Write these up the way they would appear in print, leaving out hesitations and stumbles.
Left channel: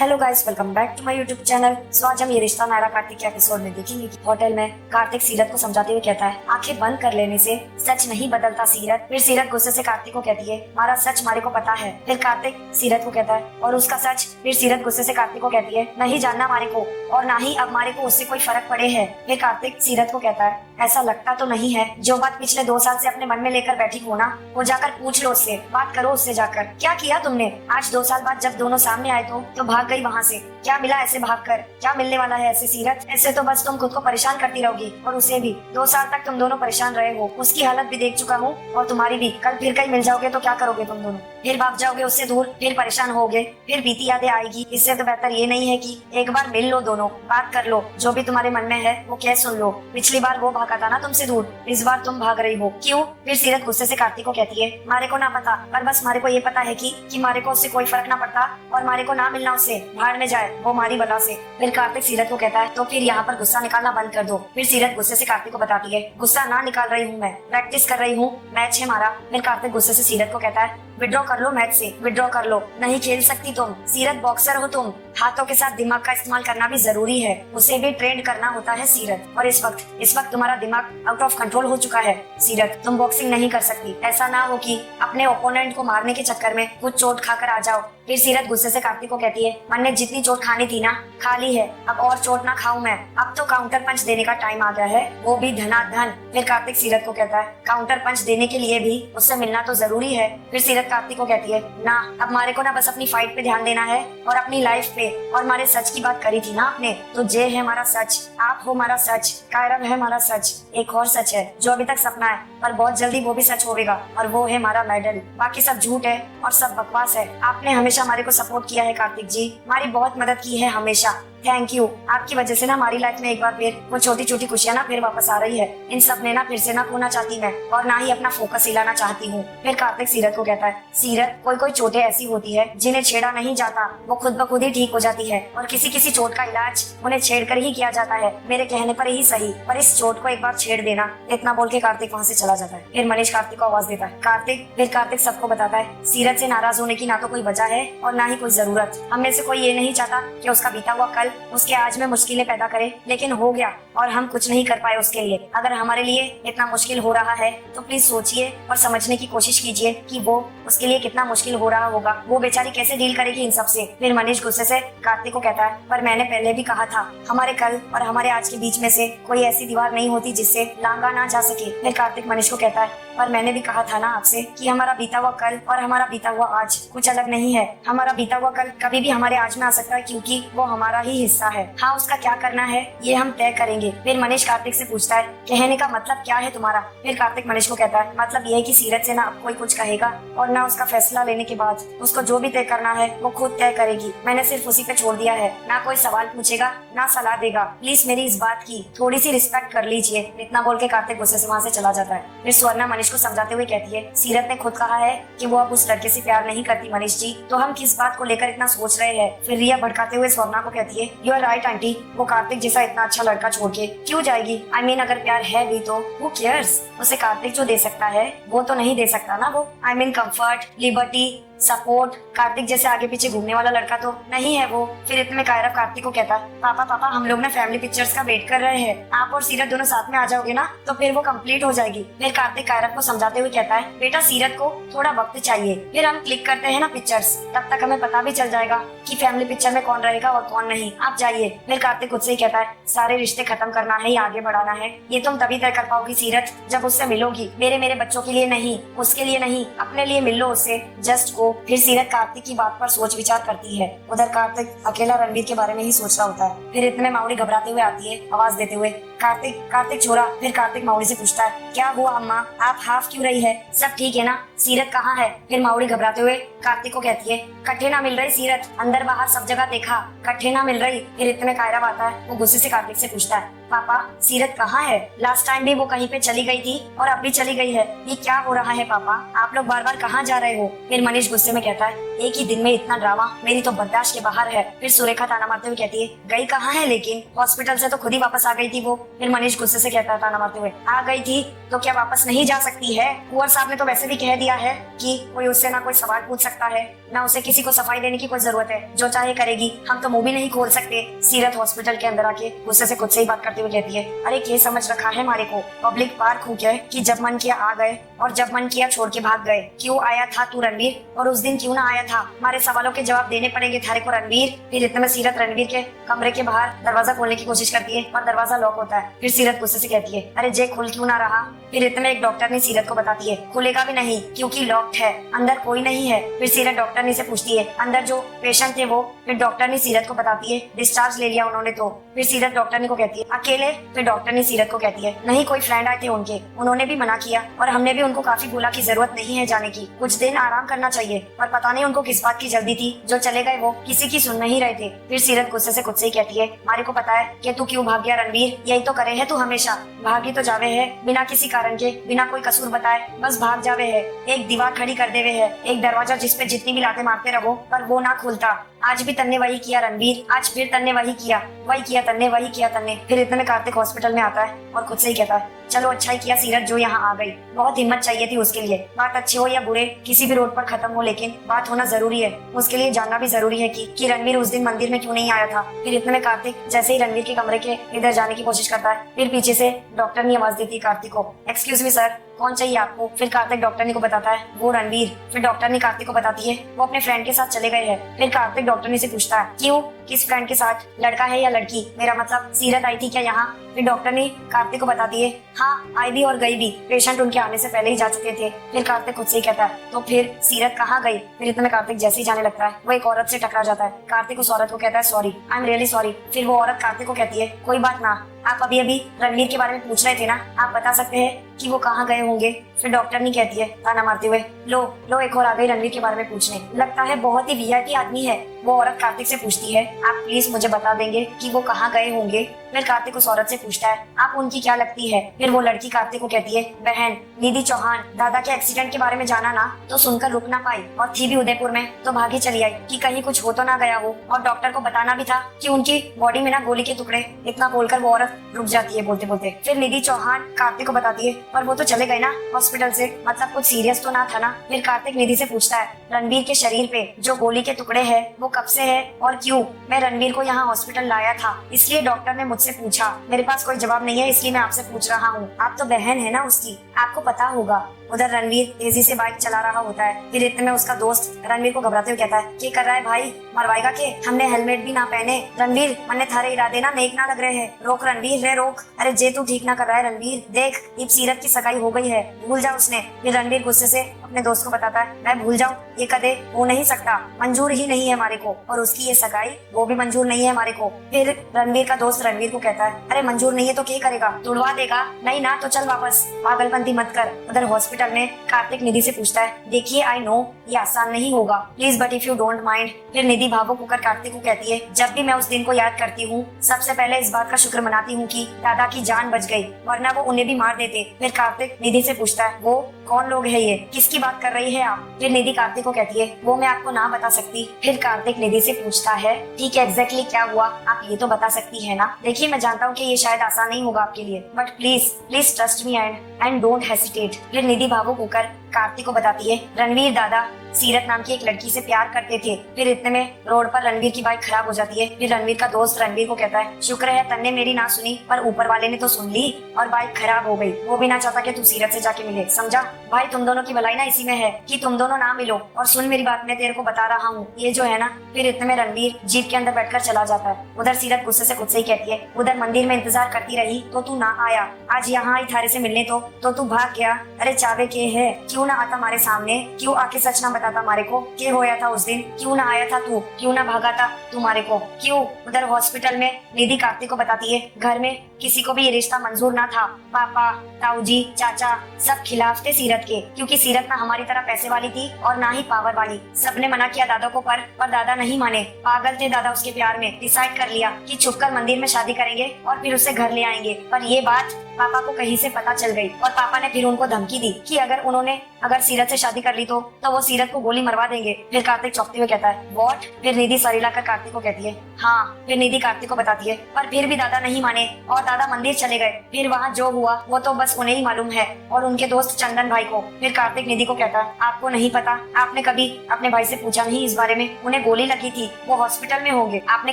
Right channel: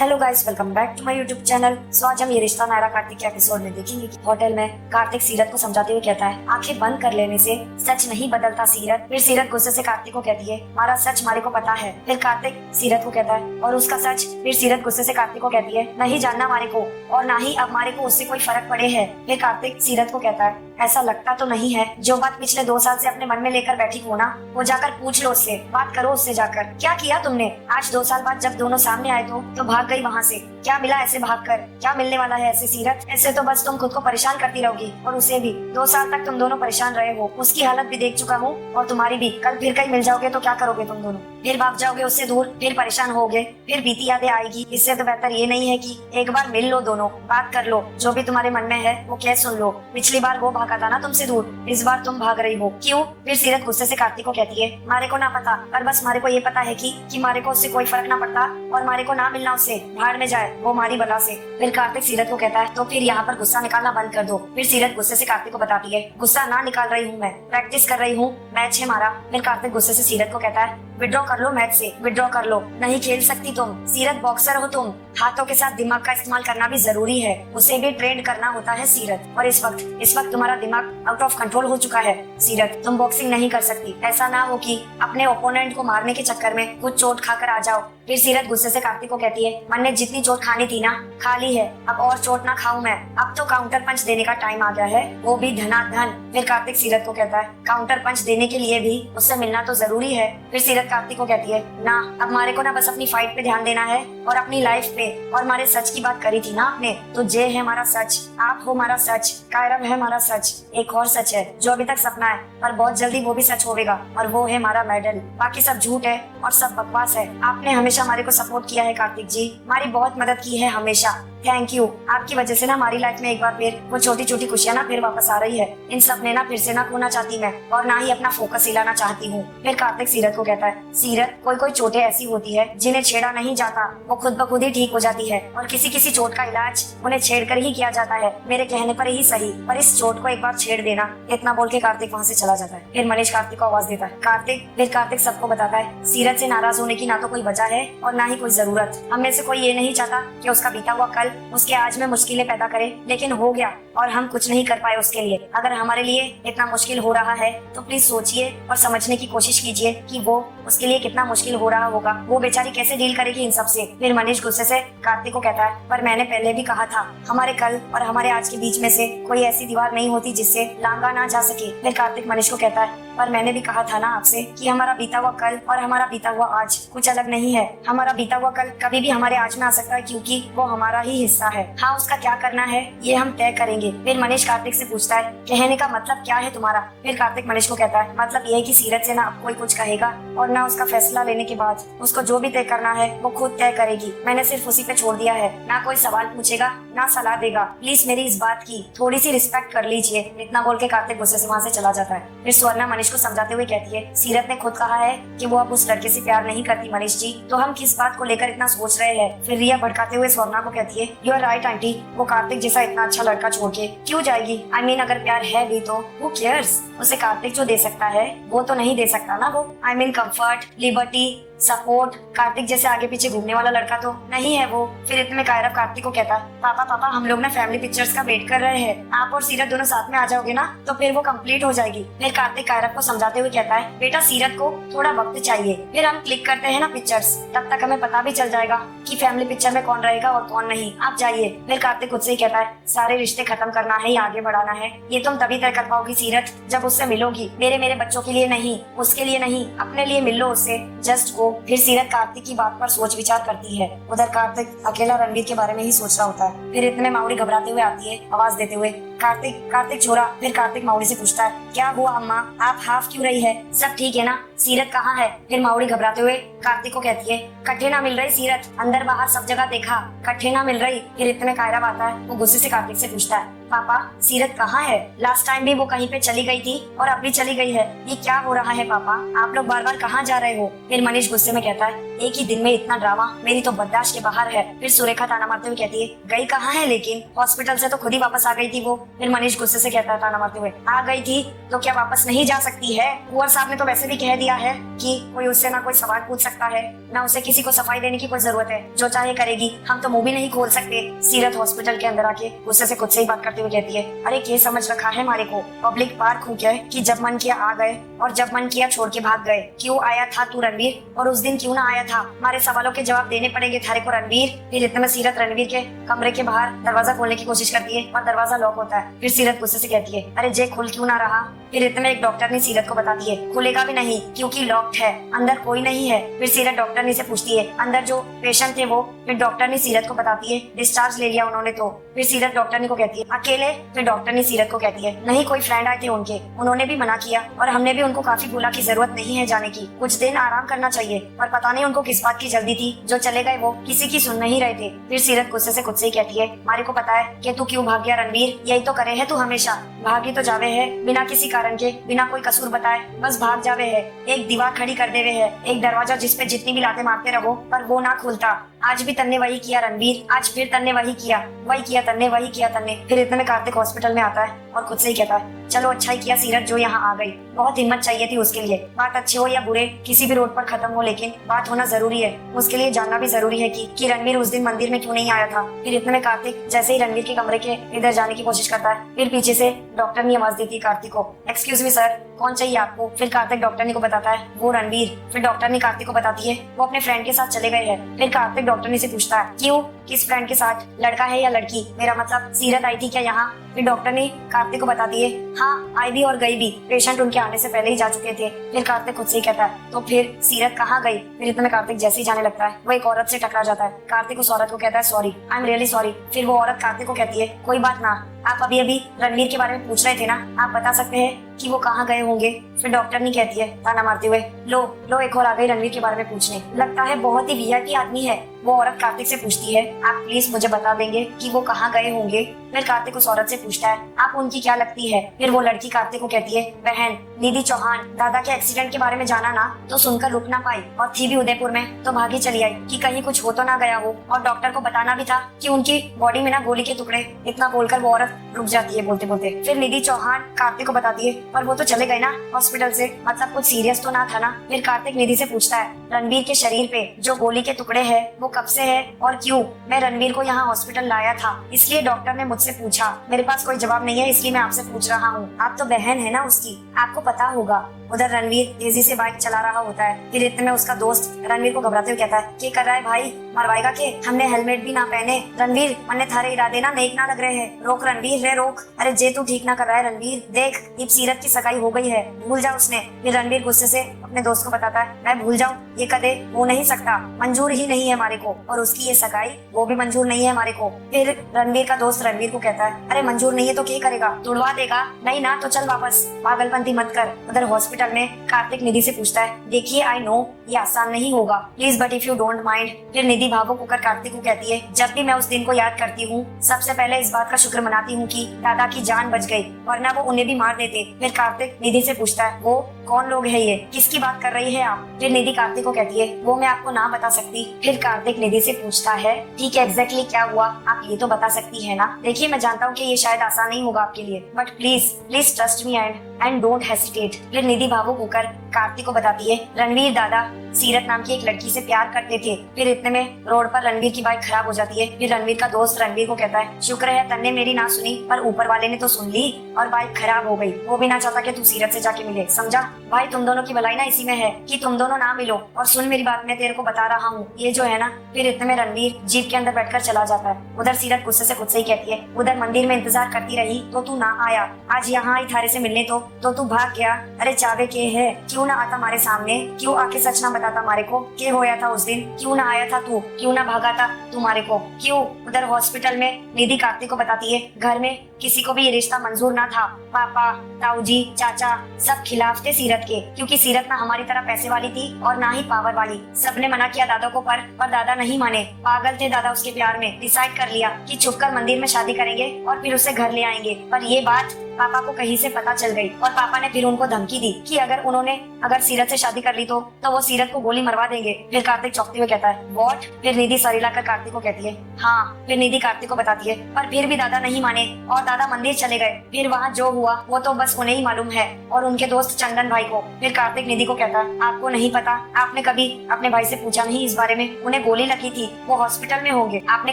Hello guys, welcome back to my YouTube channel. So आज हम ये रिश्ता नायरा कार्तिक के एपिसोड में देखेंगे कि होटल में कार्तिक सीरत को समझाते हुए कहता है, आंखें बंद कर लेने से सच नहीं बदलता सीरत। फिर सीरत गुस्से से कार्तिक को कहती है, हमारा सच हमारे को पता है। फिर कार्तिक सीरत को कहता है, और उसका सच। फिर सीरत गुस्से से कार्तिक को कहती है, नहीं जानना हमारे को, और ना ही अब हमारे को उससे कोई फर्क पड़े है। फिर कार्तिक सीरत को कहता है, ऐसा लगता तो नहीं है, जो बात पिछले 2 साल से अपने मन में लेकर बैठी हो ना, वो जाकर पूछ लो उससे, बात करो उससे जाकर। क्या किया तुमने? आज 2 साल बाद जब दोनों सामने आए तो भाग गई वहाँ से। क्या मिला ऐसे भागकर? क्या मिलने वाला है ऐसे सीरत? ऐसे तो बस तुम खुद को परेशान करती रहोगी और उसे भी। 2 साल तक तुम दोनों परेशान रहे हो, उसकी हालत भी देख चुका हूँ और तुम्हारी भी। कल फिर कहीं मिल जाओगे तो क्या करोगे तुम दोनों? फिर भाग जाओगे उससे दूर, फिर परेशान होगे, फिर बीती यादें आएगी। इससे तो बेहतर ये नहीं है कि एक बार मिल लो, दोनों बात कर लो, जो भी तुम्हारे मन में है वो कह सुन लो। पिछली बार वो भागा था ना तुमसे दूर, इस बार तुम भाग रही हो, क्यों? फिर सीरत गुस्से से कार्तिक को कहती है, मारे को ना पता, पर बस मारे को ये पता है कि मारे को उससे कोई फर्क ना पड़ता और मारे को ना मिलना उससे, भाड़ में जाए वो मारी बला से। फिर कार्तिक सीरत को कहता है, तो फिर यहाँ पर गुस्सा निकालना बंद कर दो। फिर सीरत गुस्से से कार्तिक को बताती है, गुस्सा ना निकाल रही हूँ मैं, प्रैक्टिस कर रही हूँ, मैच है हमारा। फिर कार्तिक गुस्से से सीरत को कहता है, विड्रॉ कर लो मैच से, विड्रॉ कर लो, नहीं खेल सकती तुम। सीरत बॉक्सर हो तुम, हाथों के साथ दिमाग का इस्तेमाल करना भी जरूरी है, उसे भी ट्रेन करना होता है सीरत। और इस वक्त तुम्हारा दिमाग आउट ऑफ कंट्रोल हो चुका है सीरत, तुम बॉक्सिंग नहीं कर सकती। ऐसा ना हो कि अपने ओपोनेंट को मारने के चक्कर में कुछ चोट खाकर आ जाओ। फिर सीरत गुस्से से कार्तिक को कहती है, मैंने जितनी चोट खानी थी ना खा ली है, अब और चोट ना खाऊं मैं, अब तो काउंटर पंच देने का टाइम आ गया है, वो भी धनाधन। फिर कार्तिक सीरत को कहता है, काउंटर पंच देने के लिए भी उससे मिलना तो जरूरी है। फिर सीरत कार्तिक को कहती है, ना अब हमारे को ना बस अपनी फाइट पे ध्यान देना है और अपनी लाइफ पे। और हमारे सच की बात करी थी ना आपने, तो जे है हमारा सच, आप हो हमारा सच, कायरव है हमारा सच। एक और सच है जो अभी तक सपना है, पर बहुत जल्दी वो भी सच होगा, और वो है हमारा मेडल। बाकी सब झूठ है और सब बकवास है। आपने हमेशा हमारे को सपोर्ट किया है कार्तिक जी, हमारी बहुत मदद की है हमेशा, थैंक यू। आपकी वजह से ना हमारी लाइफ में एक बार फिर वो छोटी छोटी खुशियाँ ना फिर वापस आ रही है। इन सब में ना फिर से ना खोना चाहती मैं, और ना ही अपना फोकस हिलाना चाहती हूँ। फिर कार्तिक सीरत को कहता है, सीरत कोई चोटें ऐसी होती है जिन्हें छेड़ा नहीं जाता, वो खुद ब खुद ही ठीक हो जाती है, और किसी चोट का इलाज उन्हें छेड़ कर ही किया जाता है, मेरे कहने पर ही सही, पर इस चोट को एक बार छेड़ देना। इतना बोल के कार्तिक वहाँ से चला जाता है। फिर मनीष कार्तिक को आवाज देता है, कार्तिक सबको बताता है, सीरत से नाराज होने की ना तो कोई वजह है और ना ही कोई जरूरत। हम में से कोई ये नहीं चाहता कि उसका बीता हुआ कल उसके आज में मुश्किलें पैदा करे, लेकिन हो गया और हम कुछ नहीं कर पाए उसके लिए। अगर हमारे लिए इतना मुश्किल हो रहा है तो प्लीज सोचिए और समझने की कोशिश कीजिए कि वो उसके लिए कितना मुश्किल हो रहा होगा, वो बेचारी कैसे डील करेगी इन सब से। फिर मनीष गुस्से से कार्तिक को कहता है, पर मैंने पहले भी कहा था, हमारे कल और हमारे आज के बीच में से कोई ऐसी दीवार नहीं होती जिससे लांघा ना जा सके। फिर कार्तिक मनीष को कहता है, पर मैंने भी कहा था ना आपसे कि हमारा बीता हुआ कल और हमारा बीता हुआ आज कुछ अलग नहीं है। हमारा बीता हुआ कल कभी भी हमारे आज में आ सकता है, क्योंकि वो हमारा ही हिस्सा है। हाँ, उसका क्या करना है ये हम तय करेंगे। फिर मनीष कार्तिक से पूछता है, कहने का मतलब क्या है तुम्हारा? फिर कार्तिक मनीष को कहता है, मतलब ये है कि सीरत से ना अब कोई कुछ कहेगा और ना उसका फैसला लेने के बाद उसको जो भी तय करना है वो खुद तय करेगी। मैंने सिर्फ उसी पे छोड़ दिया है, ना कोई सवाल पूछेगा ना सलाह देगा। प्लीज मेरी इस बात की थोड़ी सी रिस्पेक्ट कर लीजिए। इतना बोल के कार्तिक गुस्से से वहाँ से चला जाता है। फिर स्वर्णा मनीष को समझाते हुए कहती है, सीरत ने खुद कहा है कि वो अब उस लड़के से प्यार नहीं करती मनीष जी, तो हम किस बात को लेकर इतना सोच रहे हैं? फिर रिया भड़काते हुए स्वर्णा को कहती है, यू आर राइट आंटी, वो कार्तिक जैसा इतना अच्छा लड़का छोड़ के क्यों जाएगी? आई मीन अगर प्यार है भी तो वो केयर्स, उसे कार्तिक जो दे सकता है वो तो नहीं दे सकता ना वो। I mean comfort, liberty, support. Kartik जैसे आगे पीछे घूमने वाला लड़का तो नहीं है वो। फिर इतने में कायरव कार्तिक को कहता, पापा हम लोग ना फैमिली पिक्चर्स का वेट कर रहे हैं, आप और सीरत दोनों साथ में आ जाओगे ना तो फिर वो कंप्लीट हो जाएगी। फिर कार्तिक कायरव को समझाते हुए कहता है, बेटा सीरत को थोड़ा वक्त चाहिए, फिर हम क्लिक करते हैं ना पिक्चर्स, तब तक हमें पता भी चल जाएगा कि फैमिली पिक्चर में कौन रहेगा और कौन नहीं, आप जाइए। फिर कार्तिक खुद से ही कहता है, सारे रिश्ते खत्म करना है या आगे बढ़ाना है ये तुम तभी तय कर पाओगी सीरत जब उससे मिलोगी। मेरे बच्चों के लिए नहीं, उसके लिए नहीं, अपने लिए मिल लो उससे, जस्ट गो। फिर सीरत कार्तिक की बात पर सोच विचार करती है। उधर कार्तिक अकेला रणवीर के बारे में ही सोच रहा होता है। फिर इतने माउरी घबराते हुए आती है आवाज देते हुए, कार्तिक छोरा। फिर कार्तिक माउरी से पूछता है, क्या हुआ अम्मा, आप हाफ क्यों रही है? सब ठीक है ना? सीरत कहाँ है? फिर माउरी घबराते हुए कार्तिक को कहती है, कट्ठे ना मिल रही सीरत, अंदर बाहर सब जगह देखा, कट्ठे ना मिल रही। फिर इतने कायरव आता है, वो गुस्से से कार्तिक से पूछता है, पापा सीरत कहाँ है? लास्ट टाइम भी वो कहीं पे चली गई थी और अब भी चली गई है, ये क्या हो रहा है पापा? आप लोग बार बार कहाँ जा रहे हो? फिर मनीष गुस्से में कहता है, एक ही दिन में इतना ड्रामा मेरी तो बर्दाश्त के बाहर है। फिर सुरेखा ताना मारते हुए कहती है, गई कहाँ है? लेकिन हॉस्पिटल से तो खुद ही वापस आ गई थी वो। फिर मनीष गुस्से से कहता है ताना मारते हुए, आ गई थी तो क्या वापस नहीं जा सकती है? कुंवर साहब ने तो वैसे भी कह दिया है कि कोई उससे ना कोई सवाल पूछ सकता है। ना उसे किसी को सफाई देने की कोई जरूरत है, जो चाहे करेगी, हम तो मुंह भी नहीं खोल सकते। सीरत हॉस्पिटल के अंदर आके गुस्से से खुद से ही बात करते हुए कहती है, अरे ये समझ रखा है हमारे को पब्लिक पार्क हो गया है कि जब मन किया आ गए और जब मन किया छोड़ के भाग गए। क्यों आया था तू रणवीर, और उस दिन क्यों ना आया था? हमारे सवालों के जवाब देने पड़ेंगे थारे को रणवीर। फिर इतने में सीरत रणवीर के कमरे के बाहर दरवाजा खोलने की कोशिश करती है और दरवाजा लॉक होता है। फिर सीरत गुस्से से कहती है, अरे जे खोल क्यों ना रहा? फिर इतने में एक डॉक्टर ने सीरत को बताती है, खुलेगा भी नहीं क्योंकि लॉक्ड है, अंदर कोई नहीं है। फिर सीरत डॉक्टर ने से पूछती है, अंदर जो पेशेंट थे वो? फिर डॉक्टर ने सीरत को बताती है, डिस्चार्ज ले लिया उन्होंने तो। फिर सीरत डॉक्टर ने को कहती है, अकेले? फिर डॉक्टर ने सीरत को कहती है, नहीं कोई फ्रेंड आए थे उनके, उन्होंने भी मना किया और हमने भी उनको काफी बोला कि जरूरत नहीं है जाने की, कुछ दिन आराम करना चाहिए। और पता नहीं उनको किस बात की जल्दी थी, जो चले गए वो किसी की सुन नहीं रहे थे। फिर सीरत गुस्से से खुद से ही कहती है, मारे को पता है कि तू क्यों भाग गया रणवीर, यही तो करे है तू हमेशा, भागी तो जावे है बिना किसी कारण के, बिना कोई कसूर बताए, बस भाग जावे है। एक दीवार खड़ी कर देवे है, एक दरवाजा जिसपे जितनी भी लाते मारते रहो पर वो ना खुलता। आज भी तन्ने वही किया रणवीर, आज फिर तन्ने वही किया, वही किया तन्ने, वही किया तन्ने। फिर इतने में कार्तिक हॉस्पिटल में आता है और खुद से ही कहता है, चलो अच्छा ही किया सीरत जो यहाँ आ गई, बहुत हिम्मत चाहिए थी उसके लिए। बात अच्छे हो या बुरे, किसी भी रोड पर खत्म हो, लेकिन बात होना जरूरी है। उसके लिए जानना भी जरूरी है कि रणवीर उस दिन मंदिर में क्यों नहीं आया था। फिर इतने में कार्तिक जैसे ही रणवीर के कमरे के इधर जाने की कोशिश करता है, फिर पीछे से डॉक्टर ने आवाज देती है कार्तिक को, एक्सक्यूज मी सर, कौन चाहिए आपको? फिर कार्तिक डॉक्टर ने को बताता है, वो रणवीर। फिर डॉक्टर ने कार्तिक को बताती है, वो अपने फ्रेंड के साथ चले गए हैं। फिर कार्तिक डॉक्टर ने से पूछता है, क्यों, किस फ्रेंड के साथ, लड़का है या लड़की? मेरा मतलब सीरत आई थी क्या यहाँ? फिर डॉक्टर ने कार्तिक को बताती है, हाँ आई भी और गई भी, पेशेंट उनके आने से पहले ही जा चुके थे। फिर कार्तिक खुद से ही कहता है, तो फिर सीरत कहाँ गई? फिर इतने में कार्तिक जैसे ही जाने लगता है वो एक औरत से टकरा जाता है। कार्तिक उस औरत को कहता है, sorry, I am really sorry. फिर वो औरत कार्तिक को कहती है, कोई बात ना, आप अभी अभी रणवीर के बारे में पूछ रहे थे ना, आप बता सकते हैं कि वो कहाँ गए होंगे? फिर डॉक्टर ने कहती है ताना मारते हुए, लो लो एक और आ गई रणवीर के बारे में पूछने, लगता है बहुत ही वीआईपी आदमी है। वो औरत कार्तिक से पूछती है, आप प्लीज मुझे बता देंगे कि वो कहाँ गए होंगे? फिर कार्तिक उस औरत से पूछता है, आप उनकी क्या लगती है? फिर वो लड़की कार्तिक को कहती है, बहन निधि चौहान, दादा के एक्सीडेंट के बारे में जाना ना तो सुनकर रुक ना पाई और थी भी उदयपुर में तो भागे चली आई कि कहीं कुछ हो तो ना गया हो, और डॉक्टर को बताना भी था कि उनकी बॉडी में ना गोली के टुकड़े। इतना बोलकर वो औरत रुक जाती है बोलते बोलते। फिर निधि चौहान कार्तिक को बताती है, पर वो तो चले गए ना हॉस्पिटल से, मतलब कुछ सीरियस तो ना था ना? फिर कार्तिक निधि से पूछता है, रणवीर के शरीर पे जो गोली के टुकड़े हैं वो कब से है और क्यों? मैं रणवीर को यहाँ हॉस्पिटल लाया था, इसलिए डॉक्टर ने मुझसे पूछा, मेरे पास कोई जवाब नहीं है इसलिए मैं आपसे पूछ रहा हूँ। आप तो बहन है ना उसकी, आपको पता होगा। उधर रणवीर तेजी से बाइक चला रहा होता है। फिर इतने में उसका दोस्त रणवीर को घबराते हुए कहता है, क्या कर रहा है भाई, मरवाएगा के? हमने हेलमेट भी ना पहने रणवीर, वरना थारे इरादे ना नेक ना लग रहे हैं। रोक रणवीर, रे रोक, अरे जे तू ठीक ना कर रहा है रणवीर, देख अब सीरत की सगाई हो गई है, भूल जा उसने। फिर रणवीर गुस्से से अपने दोस्त को बताता है, मैं भूल जाऊँ, ये कदे हो नहीं सकता, मंजूर ही नहीं है हमारे को, और उसकी ये सगाई वो भी मंजूर नहीं है हमारे को। फिर रणवीर का दोस्त रणवीर को कहता है, अरे मंजूर नहीं है तो क्या करेगा, तोड़वा देगा? नहीं ना तो चल वापस, पागलपंती मत कर। उधर हॉस्पिटल में कार्तिक निधि से पूछता है, देखिए आई नो ये आसान नहीं होगा, please but if you don't mind. फिर निधि भावुक होकर कार्तिक को कहती है, जब भी मैं उस दिन को याद करती हूँ सबसे पहले इस बात का शुक्र मनाती हूँ कि दादा की जान बच गई, वरना वो उन्हें भी मार देते। फिर कार्तिक निधि से पूछता है, वो कौन लोग है ये, किसकी बात कर रही हैं आप? फिर निधि कार्तिक को कहती है, वो मैं आपको ना बता सकती। फिर कार्तिक निधि से पूछता है, ठीक है एग्जैक्टली क्या हुआ, आप ये तो बता सकती है ना? देखिए मैं जानता हूँ कि ये शायद आसान नहीं होगा आपके लिए, but please please trust me and don't hesitate. फिर निधि भावुक होकर कार्तिक को बताती है, रणवीर दादा सीरत नाम की एक लड़की से प्यार करते थे। फिर इतने में रोड पर रणवीर की बाइक खराब हो जाती है। फिर रणवीर का दोस्त रणवीर को कहता है, शुक्र है तन्ने मेरी ना सुनी, पर ऊपर वाले ने तो सुन ली और बाइक खराब हो गई। वो भी ना चाहता कि तू सीरत से जाके मिले, समझा भाई? तुम दोनों की भलाई ना इसी में है कि तुम दोनों ना मिलो। और सुन मेरी बात, मैं तेरे को बता रहा हूँ ये जो है ना। फिर इतने में रणवीर जीप के अंदर बैठकर चला जाता है। उधर सीरत गुस्से से खुद से ही कहती है, उधर मंदिर में इंतजार करती रही तो तू ना आया, आज यहाँ आई थारे से मिलने तो तू भाग गया। अरे चाबे के है, क्यों ना आता हमारे सामने, क्यों आके सच ना बताता हमारे को क्या होया था उस दिन, क्यों ना आया था तू, क्यों ना भागा था तुम्हारे को, क्यों? उधर हॉस्पिटल में निधि कार्तिक को बताती है, घर में किसी को भी ये रिश्ता मंजूर ना था, पापा ताऊजी चाचा सब खिलाफ थे सीरत के, क्योंकि सीरत ना हमारी तरह पैसे वाली थी और ना ही पावर वाली। सबने मना किया दादा को, पर दादा नहीं माने, पागल थे दादा उसके प्यार में। डिसाइड कर लिया कि छुपकर मंदिर में शादी करेंगे और फिर उसे घर ले आएंगे। पर ये बात पापा को कहीं से पता चल गई और पापा ने फिर उनको धमकी दी कि अगर सीरत से शादी कर ली तो वो सीरत को गोली मरवा देंगे। फिर कार्तिक चौंकते हुए कहता है, व्हाट? फिर निधि सर लाकर कार्तिक को कहती है, हाँ। फिर निधि कार्तिक को बताती है, पर फिर भी दादा नहीं माने और दादा मंदिर चले गए। फिर वहाँ जो हुआ वो तो बस उन्हें ही मालूम है और उनके दोस्त चंदन भाई को। फिर कार्तिक निधि को कहता है, आपको नहीं पता, आपने कभी अपने भाई से पूछा नहीं इस बारे में? उन्हें गोली लगी थी, वो हॉस्पिटल में होंगे, आपने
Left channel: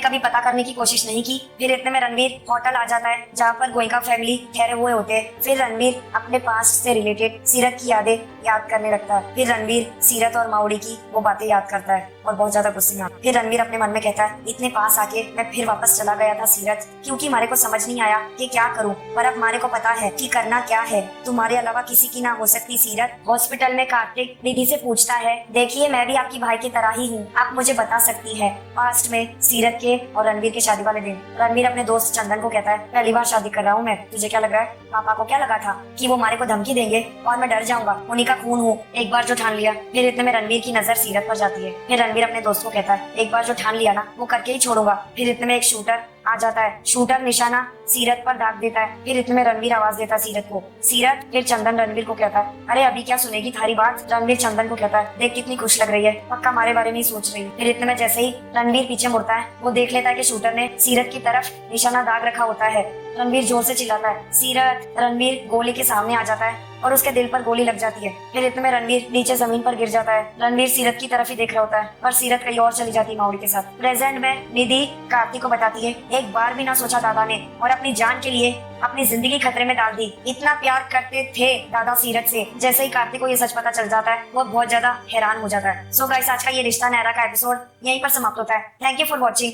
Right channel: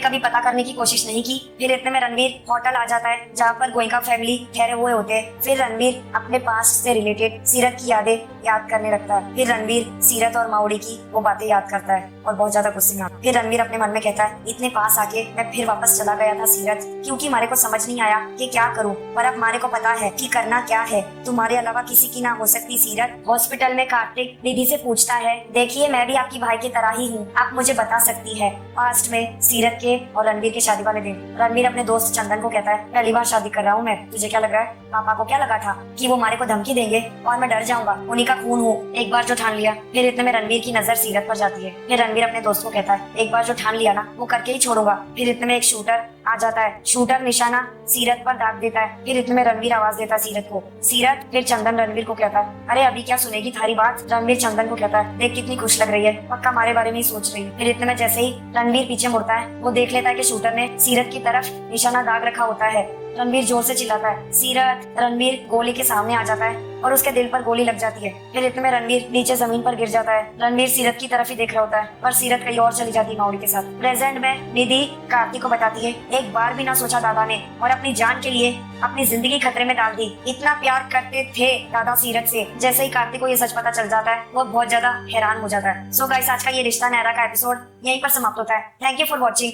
कभी पता करने की कोशिश नहीं की? फिर इतने में रणवीर होटल आ जाता है जहाँ पर गोइंका फैमिली ठहरे हुए होते हैं। फिर रणवीर अपने पास्ट से रिलेटेड सीरत की यादें याद करने लगता है। फिर रणवीर सीरत और माउड़ी की वो बातें याद करता है और बहुत ज्यादा गुस्से में आता है। फिर रणवीर अपने मन में कहता है, इतने पास आके मैं फिर वापस चला गया था सीरत, क्योंकि मेरे को समझ नहीं आया कि क्या करूं, पर अब हमारे को पता है कि करना क्या है। तुम्हारे अलावा किसी की ना हो सकती सीरत। हॉस्पिटल में कार्तिक निधि से पूछता है, देखिए मैं भी आपकी भाई की तरह ही हूँ, आप मुझे बता सकती है। पास्ट में सीरत के और रणवीर के शादी वाले दिन रणवीर अपने दोस्त चंदन को कहता है, पहली बार शादी कर रहा हूँ मैं, तुझे क्या लग रहा है? पापा को क्या लगा था कि वो हमारे को धमकी देंगे और मैं डर जाऊंगा? उन्हीं का खून हूँ, एक बार जो ठान लिया। फिर इतने में रणवीर की नजर सीरत पर जाती है। फिर रणवीर अपने दोस्त को कहता है, एक बार जो ठान लिया ना वो करके ही छोड़ूंगा। फिर इतने में एक शूटर आ जाता है, शूटर निशाना सीरत पर दाग देता है। फिर इतने में रणवीर आवाज देता है सीरत को, सीरत। फिर चंदन रणवीर को कहता है, अरे अभी क्या सुनेगी तुम्हारी बात? रणवीर चंदन को कहता है, देख कितनी खुश लग रही है, पक्का हमारे बारे में ही सोच रही है। फिर इतने में जैसे ही रणवीर पीछे मुड़ता है, वो देख लेता है कि शूटर ने सीरत की तरफ निशाना दाग रखा होता है। रणवीर जोर से चिल्लाता है, सीरत। रणवीर गोली के सामने आ जाता है और उसके दिल पर गोली लग जाती है। फिर इतने में रणवीर नीचे जमीन पर गिर जाता है। रणवीर सीरत की तरफ ही देख रहा होता है और सीरत कहीं और चली जाती है माउड़ी के साथ। प्रेजेंट में निधि कार्तिक को बताती है, एक बार भी ना सोचा दादा ने और अपनी जान के लिए अपनी जिंदगी खतरे में डाल दी। इतना प्यार करते थे दादा सीरत से। जैसे ही कार्तिक को ये सच पता चल जाता है वो बहुत ज्यादा हैरान हो जाता है। सो गाइस, आज का ये रिश्ता न्यारा का एपिसोड यहीं पर समाप्त होता है। Thank you for watching.